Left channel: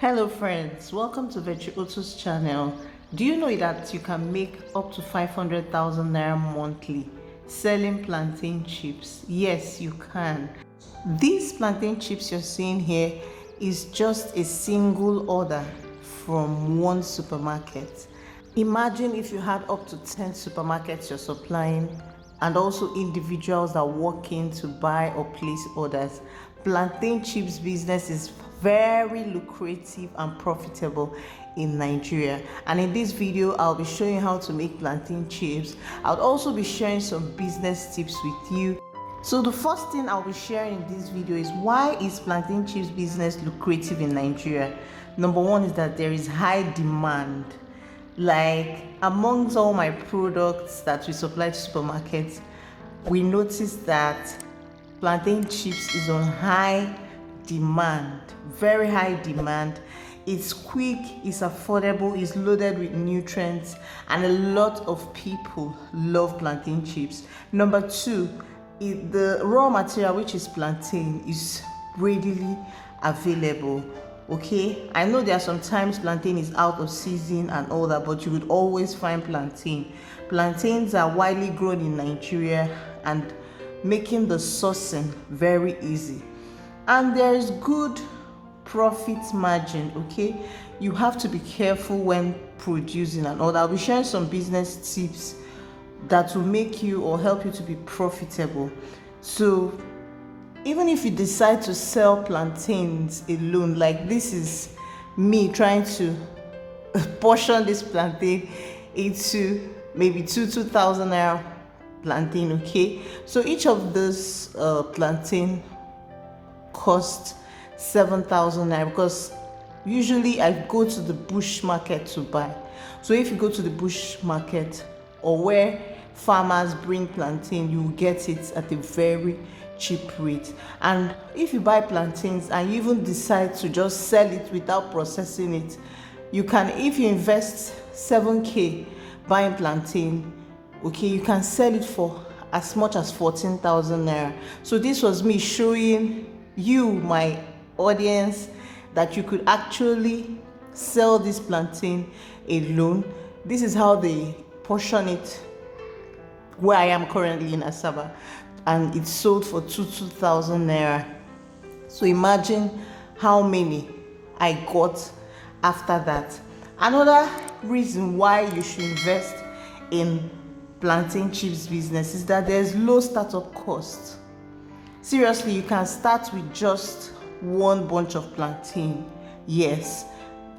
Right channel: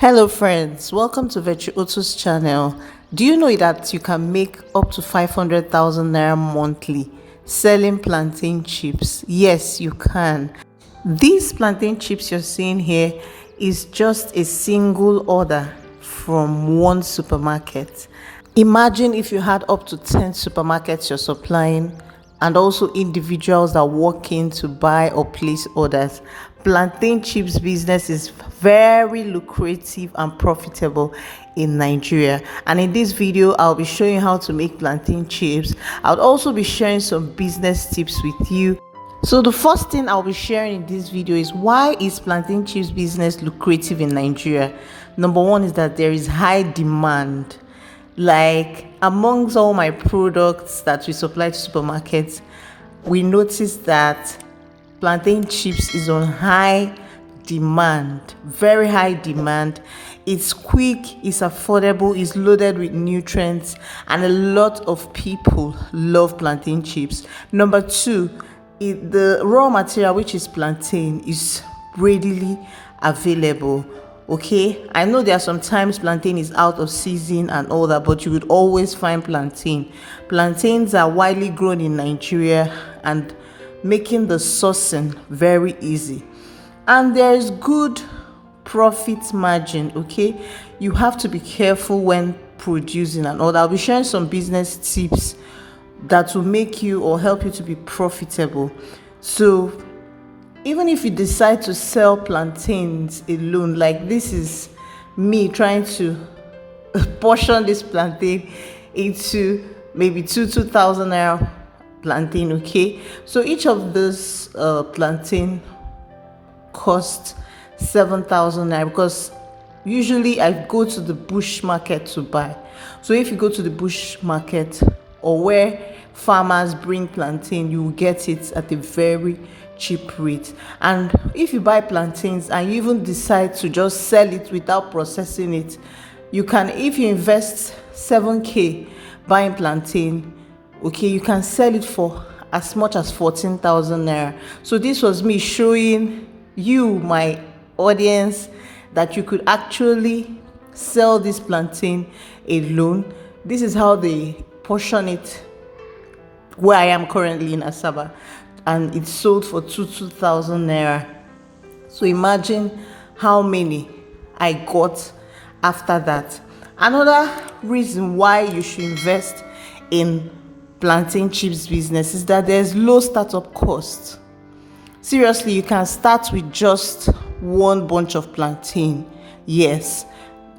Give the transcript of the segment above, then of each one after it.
Hello friends, welcome to Virtuoso's channel. Do you know that you can make up to 500,000 naira monthly selling plantain chips? Yes, you can. These plantain chips you're seeing here is just a single order from one supermarket. Imagine if you had up to 10 supermarkets you're supplying and also individuals that walk in to buy or place orders. Plantain chips business is very lucrative and profitable in Nigeria, and in this video I'll be showing you how to make plantain chips. I'll also be sharing some business tips with you. So the first thing I'll be sharing in this video is why is plantain chips business lucrative in Nigeria. Number one is that there is high demand. Like amongst all my products that we supply to supermarkets, we noticed that plantain chips is on high demand, very high demand. It's quick, it's affordable, it's loaded with nutrients, and a lot of people love plantain chips. Number two, the raw material, which is plantain, is readily available. Okay, I know there are sometimes plantain is out of season and all that, but you would always find plantain. Plantains are widely grown in Nigeria and making the sourcing very easy. And there is good profit margin. Okay, you have to be careful when producing and all that. I'll be sharing some business tips that will make you or help you to be profitable. So even if you decide to sell plantains alone, like this is me trying to portion this plantain into maybe 2,000 naira plantain. Okay, so each of those plantain cost 7,000 naira, because usually I go to the bush market to buy. So if you go to the bush market or where farmers bring plantain, you will get it at a very cheap rate. And if you buy plantains and you even decide to just sell it without processing it, you can, if you invest 7k buying plantain, okay, you can sell it for as much as 14,000 naira. So this was me showing you, my audience, that you could actually sell this plantain alone. This is how they portion it where I am currently in Asaba, and it's sold for 2,000 naira. So imagine how many I got after that. Another reason why you should invest in plantain chips business is that there's low startup cost. Seriously, you can start with just one bunch of plantain. Yes,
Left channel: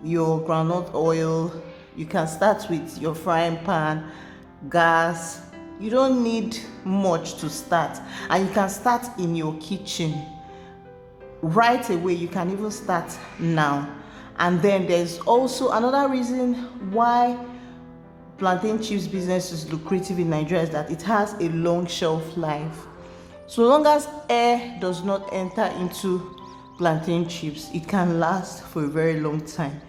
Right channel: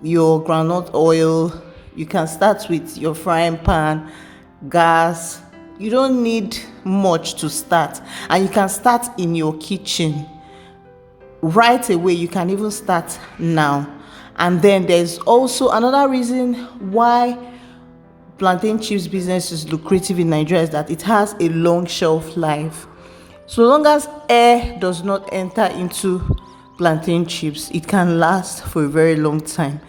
your groundnut oil. You can start with your frying pan, gas. You don't need much to start, and you can start in your kitchen right away. You can even start now. And then there's also another reason why plantain chips business is lucrative in Nigeria is that it has a long shelf life. So long as air does not enter into plantain chips, it can last for a very long time.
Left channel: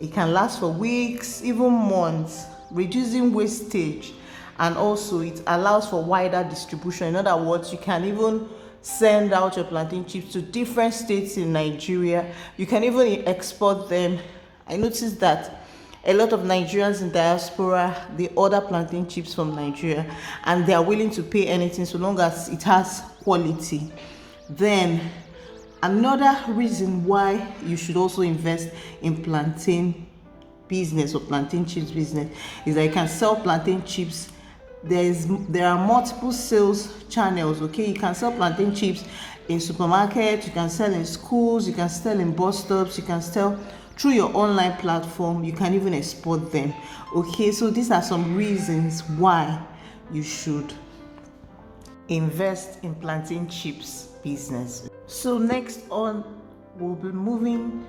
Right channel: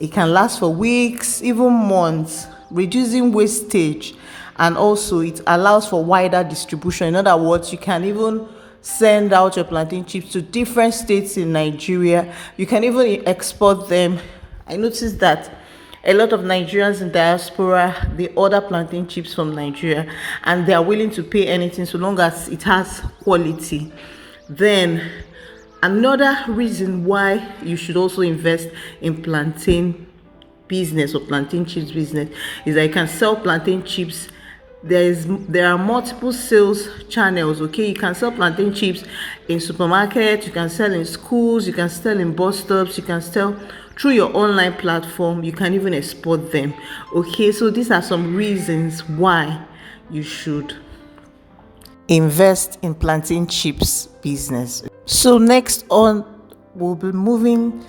It can last for weeks, even months, reducing wastage, and also it allows for wider distribution. In other words, you can even send out your plantain chips to different states in Nigeria. You can even export them. I noticed that a lot of Nigerians in diaspora, they order plantain chips from Nigeria and they are willing to pay anything so long as it has quality. Then another reason why you should also invest in plantain business or plantain chips business is that you can sell plantain chips. There are multiple sales channels. Okay, you can sell plantain chips in supermarkets, you can sell in schools, you can sell in bus stops, you can sell through your online platform, you can even export them. Okay, so these are some reasons why you should invest in plantain chips business. So next on, we'll be moving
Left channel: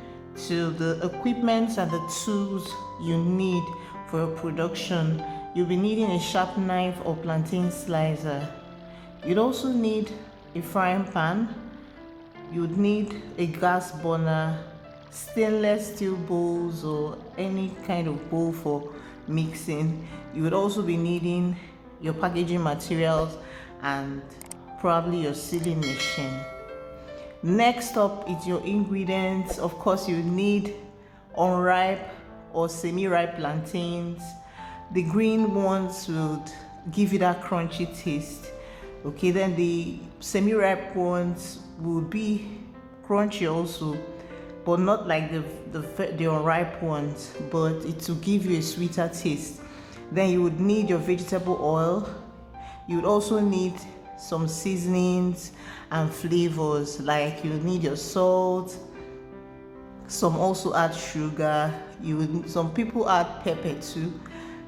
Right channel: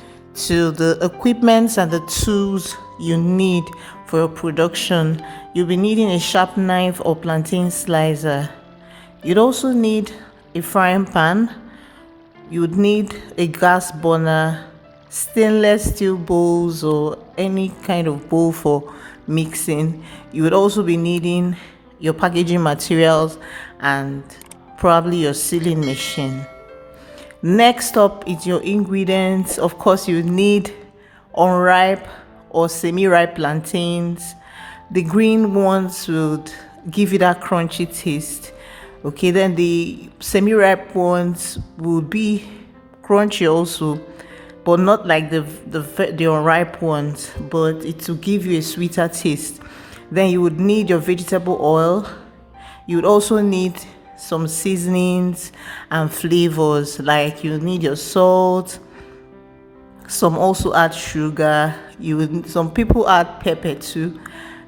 to the equipment and the tools you need for your production. You'll be needing a sharp knife or plantain slicer. You'd also need a frying pan. You would need a gas burner, stainless steel bowls or any kind of bowl for mixing. You would also be needing your packaging materials and probably your sealing machine. Next up is your ingredients. Of course, you need unripe or semi-ripe plantains. The green ones would give you that crunchy taste. Okay, then the semi-ripe ones would be crunchy also, but not like the unripe ones, but it will give you a sweeter taste. Then you would need your vegetable oil. You would also need some seasonings and flavors, like you need your salt. Some also add sugar. Some people add pepper too,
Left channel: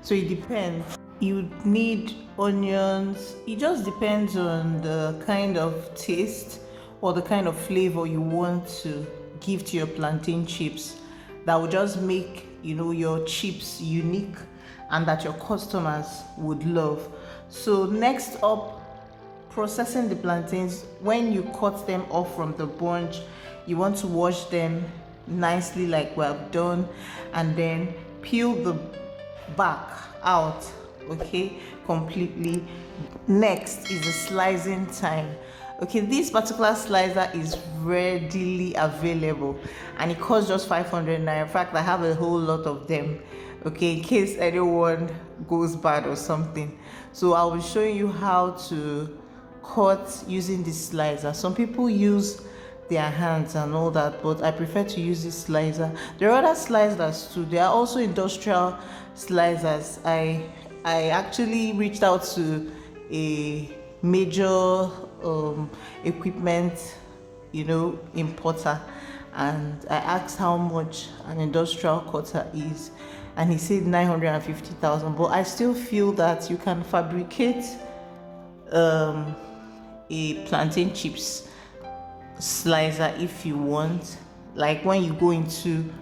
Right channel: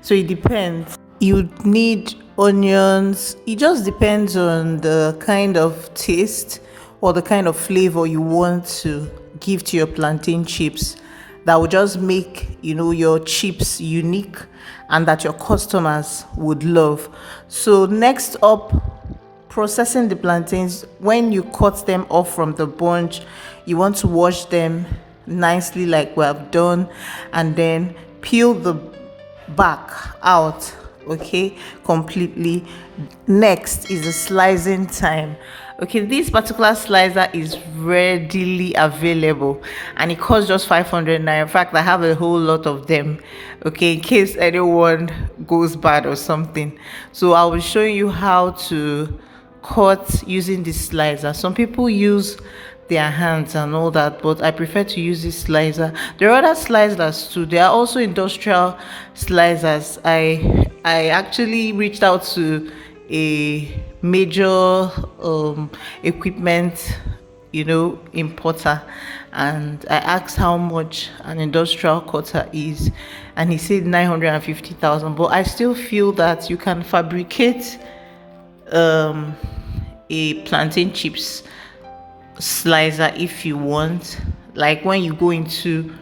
so it depends. You need onions. It just depends on the kind of taste or the kind of flavor you want to give to your plantain chips, that will just make your chips unique and that your customers would love. So next up, processing the plantains. When you cut them off from the bunch, you want to wash them nicely like we have done, and then peel the back out, okay, completely. Next is the slicing time. Okay, this particular slicer is readily available and it costs just 500 naira. In fact, I have a whole lot of them, okay, in case anyone goes bad or something. So I will show you how to cut using this slicer. Some people use their hands and all that, but I prefer to use this slicer. There are other slicers too. There are also industrial slicers. I actually reached out to a major equipment importer, and I asked how much an industrial cutter is, and he said 950,000. But I still feel that you can fabricate a plantain chips slicer if you want, like when you go into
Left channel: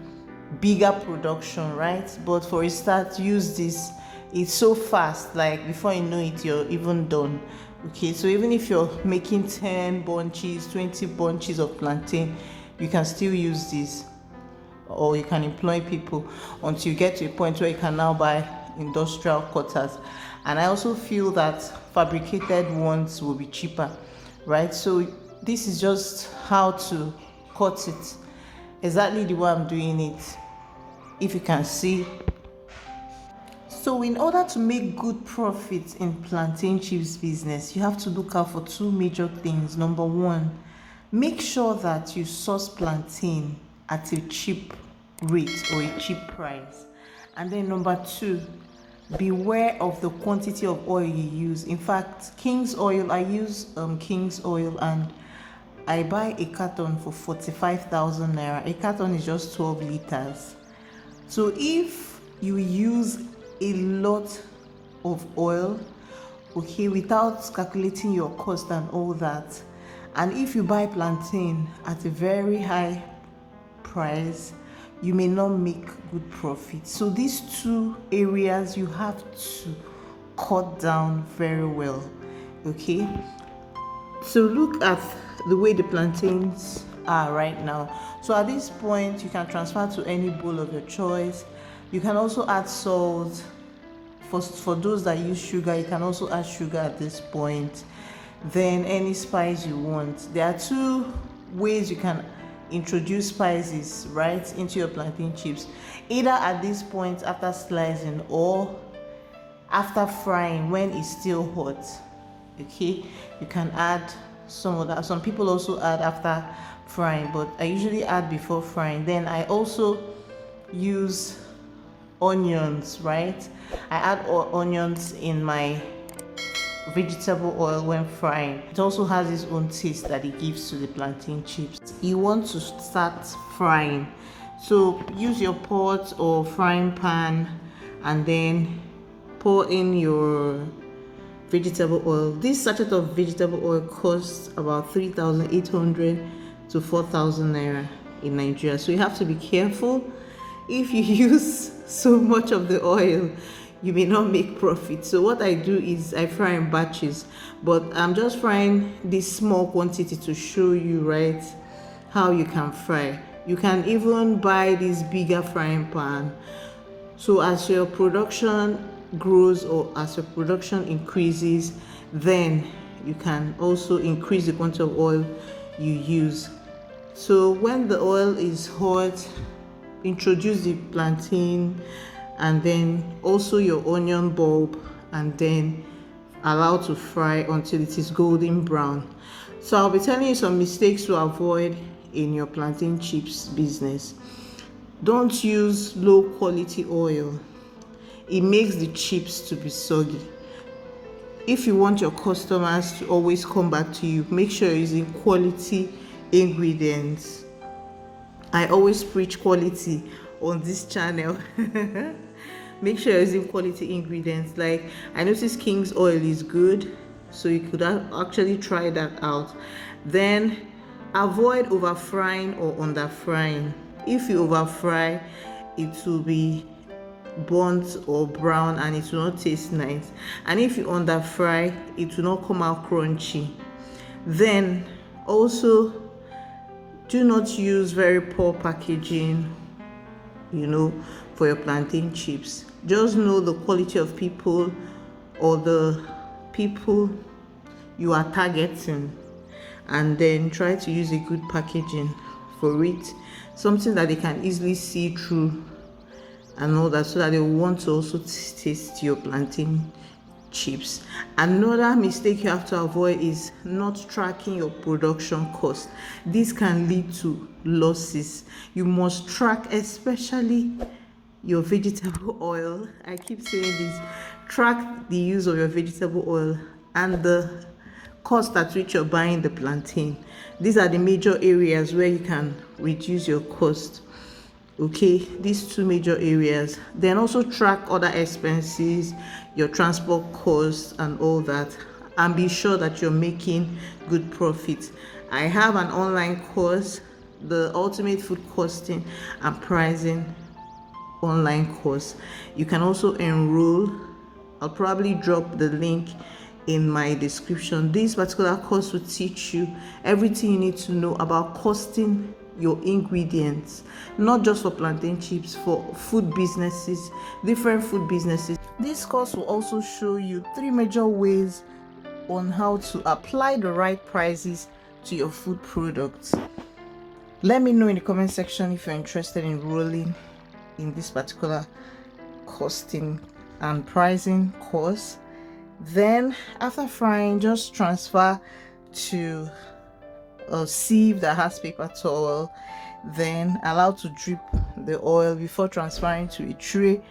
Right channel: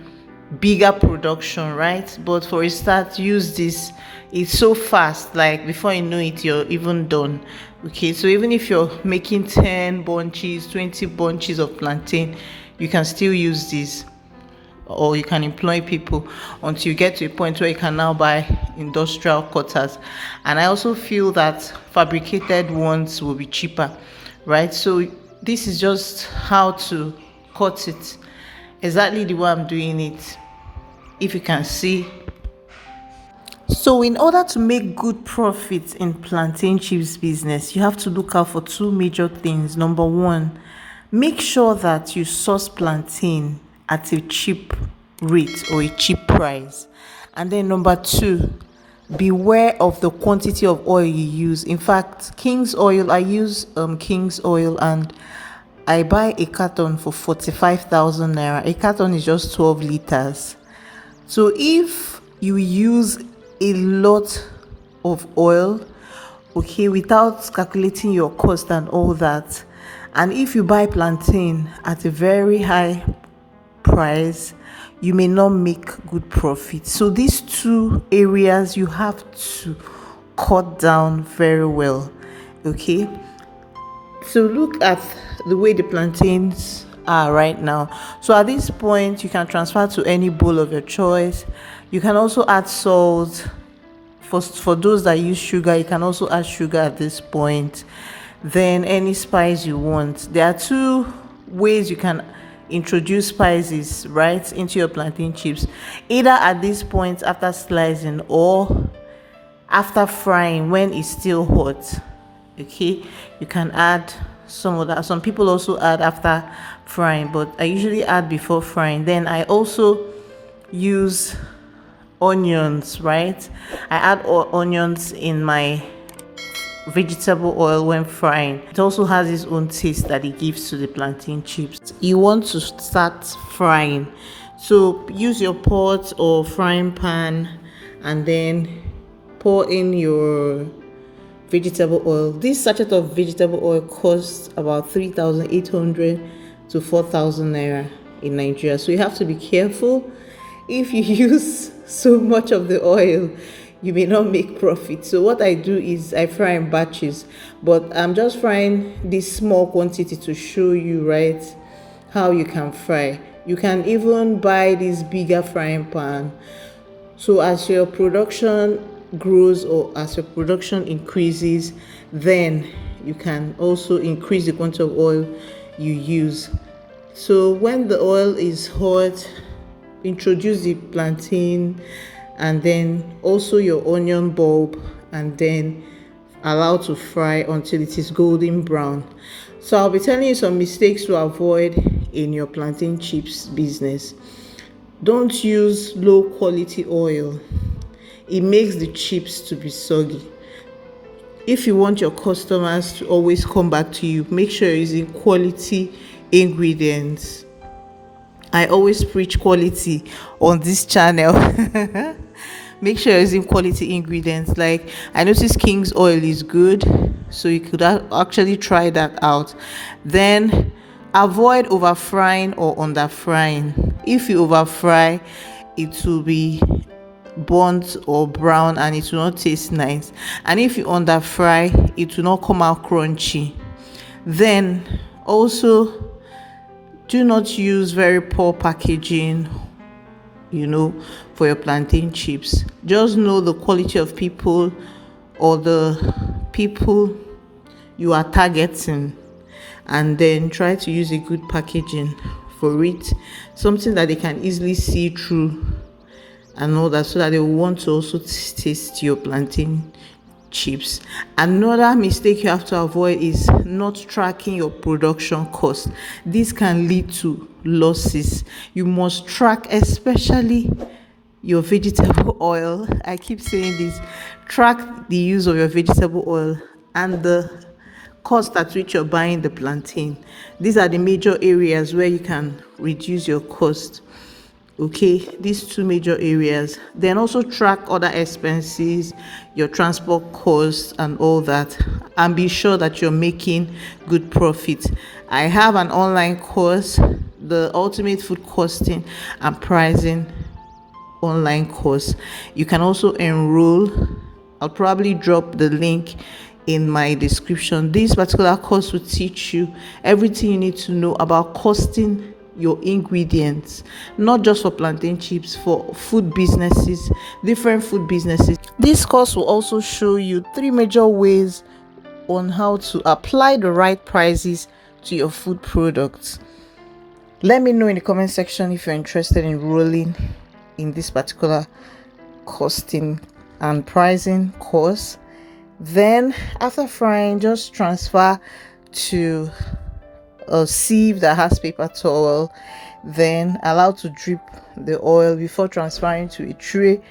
bigger production, right? But for a start, use this. It's so fast, like before you know it, you're even done. Okay, so even if you're making 10 bunches, 20 bunches of plantain, you can still use this, or you can employ people until you get to a point where you can now buy industrial cutters. And I also feel that fabricated ones will be cheaper, right? So this is just how to cut it, exactly the way I'm doing it, if you can see. So in order to make good profits in plantain chips business, you have to look out for two major things. Number one, make sure that you source plantain at a cheap rate or a cheap price. And then number two, beware of the quantity of oil you use. In fact, King's oil, I use King's oil, and I buy a carton for 45,000 naira. A carton is just 12 liters. So if you use a lot of oil, okay, without calculating your cost and all that, and if you buy plantain at a very high price, you may not make good profit. So these two areas you have to cut down very well, okay? So look at the way the plantains are right now. So at this point, you can transfer to any bowl of your choice. You can also add salt. For those that use sugar, you can also add sugar at this point. Then any spice you want. There are two ways you can introduce spices right into your plantain chips, either at this point after slicing or after frying when it's still hot. Okay, you can add some of that. Some people also add after frying, but I usually add before frying. Then I also use onions, right? I add onions in my vegetable oil when frying. It also has its own taste that it gives to the plantain chips. You want to start frying, so use your pot or frying pan and then pour in your vegetable oil. This sachet of vegetable oil costs about 3,800 to 4,000 naira in Nigeria, so you have to be careful. If you use so much of the oil, you may not make profit. So what I do is I fry in batches, but I'm just frying this small quantity to show you, right, how you can fry. You can even buy this bigger frying pan. So as your production grows or as your production increases, then you can also increase the quantity of oil you use. So when the oil is hot, introduce the plantain, and then also your onion bulb, and then allow to fry until it is golden brown. So I'll be telling you some mistakes to avoid in your plantain chips business. Don't use low quality oil. It makes the chips to be soggy. If you want your customers to always come back to you, make sure you're using quality ingredients. I always preach quality on this channel. Make sure you're using quality ingredients. Like, I noticed King's oil is good, so you could actually try that out. Then avoid over frying or under frying. If you over fry, it will be burnt or brown and it will not taste nice, and if you under fry, it will not come out crunchy. Then also, do not use very poor packaging, for your plantain chips. Just know the quality of people or the people you are targeting, and then try to use a good packaging for it, something that they can easily see through and all that, so that they will want to also taste your plantain chips. Another mistake you have to avoid is not tracking your production cost. This can lead to losses. You must track, especially your vegetable oil. I keep saying this. Track the use of your vegetable oil and the cost at which you're buying the plantain. These are the major areas where you can reduce your cost. Okay, these two major areas. Then also track other expenses, your transport costs and all that, and be sure that you're making good profit. I have an online course, the Ultimate Food Costing and Pricing online course. You can also enroll. I'll probably drop the link in my description. This particular course will teach you everything you need to know about costing your ingredients, not just for plantain chips, for food businesses, different food businesses. This course will also show you 3 major ways on how to apply the right prices to your food products. Let me know in the comment section if you're interested in enrolling in this particular costing and pricing course. Then after frying, just transfer to a sieve that has paper towel, then allow to drip the oil before transferring to a tray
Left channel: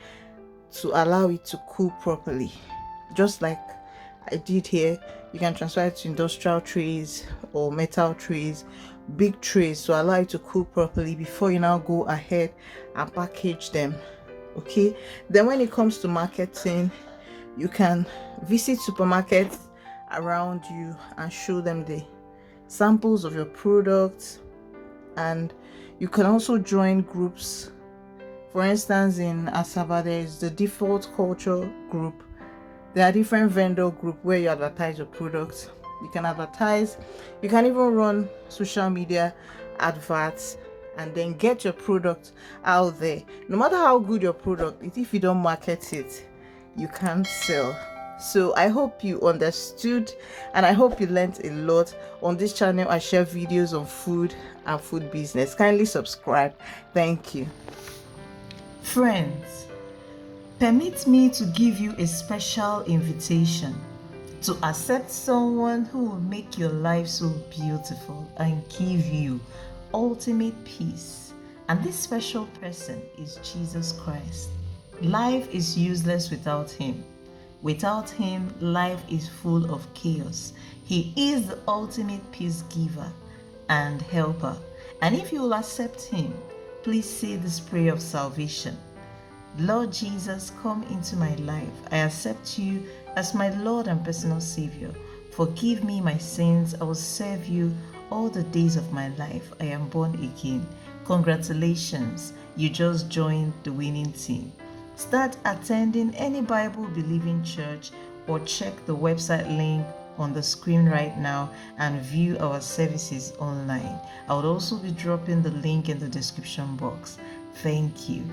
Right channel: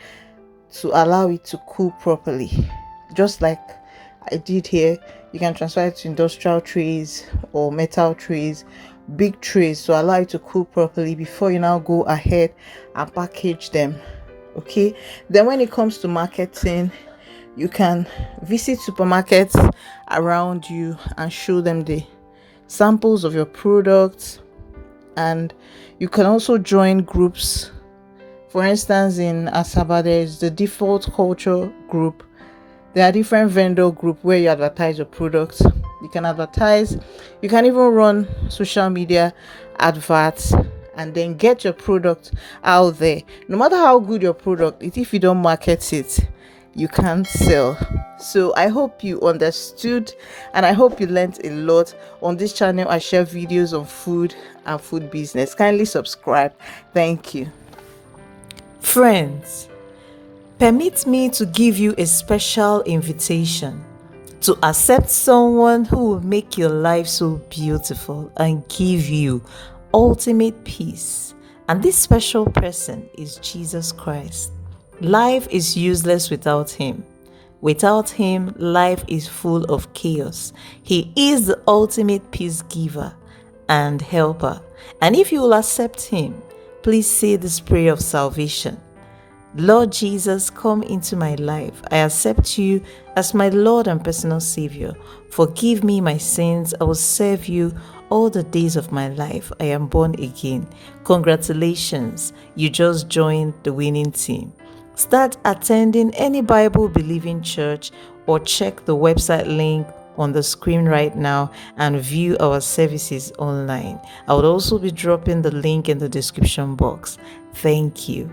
to allow it to cool properly. Just like I did here, you can transfer it to industrial trays or metal trays, big trays, to allow it to cool properly before you now go ahead and package them. Okay, then when it comes to marketing, you can visit supermarkets around you and show them the samples of your products, and you can also join groups. For instance, in Asaba, there is the default culture group. There are different vendor group where you advertise your products. You can advertise, you can even run social media adverts, and then get your product out there. No matter how good your product is, if you don't market it, you can't sell. So I hope you understood, and I hope you learned a lot. On this channel, I share videos on food and food business. Kindly subscribe. Thank you. Friends, permit me to give you a special invitation to accept someone who will make your life so beautiful and give you ultimate peace. And this special person is Jesus Christ. Life is useless without him. Without him, life is full of chaos. He is the ultimate peace giver and helper. And if you will accept him, please say this prayer of salvation. Lord Jesus, come into my life. I accept you as my Lord and personal Savior. Forgive me my sins. I will serve you all the days of my life. I am born again. Congratulations, you just joined the winning team. Start attending any Bible-believing church or check the website link on the screen right now and view our services online. I would also be dropping the link in the description box. Thank you.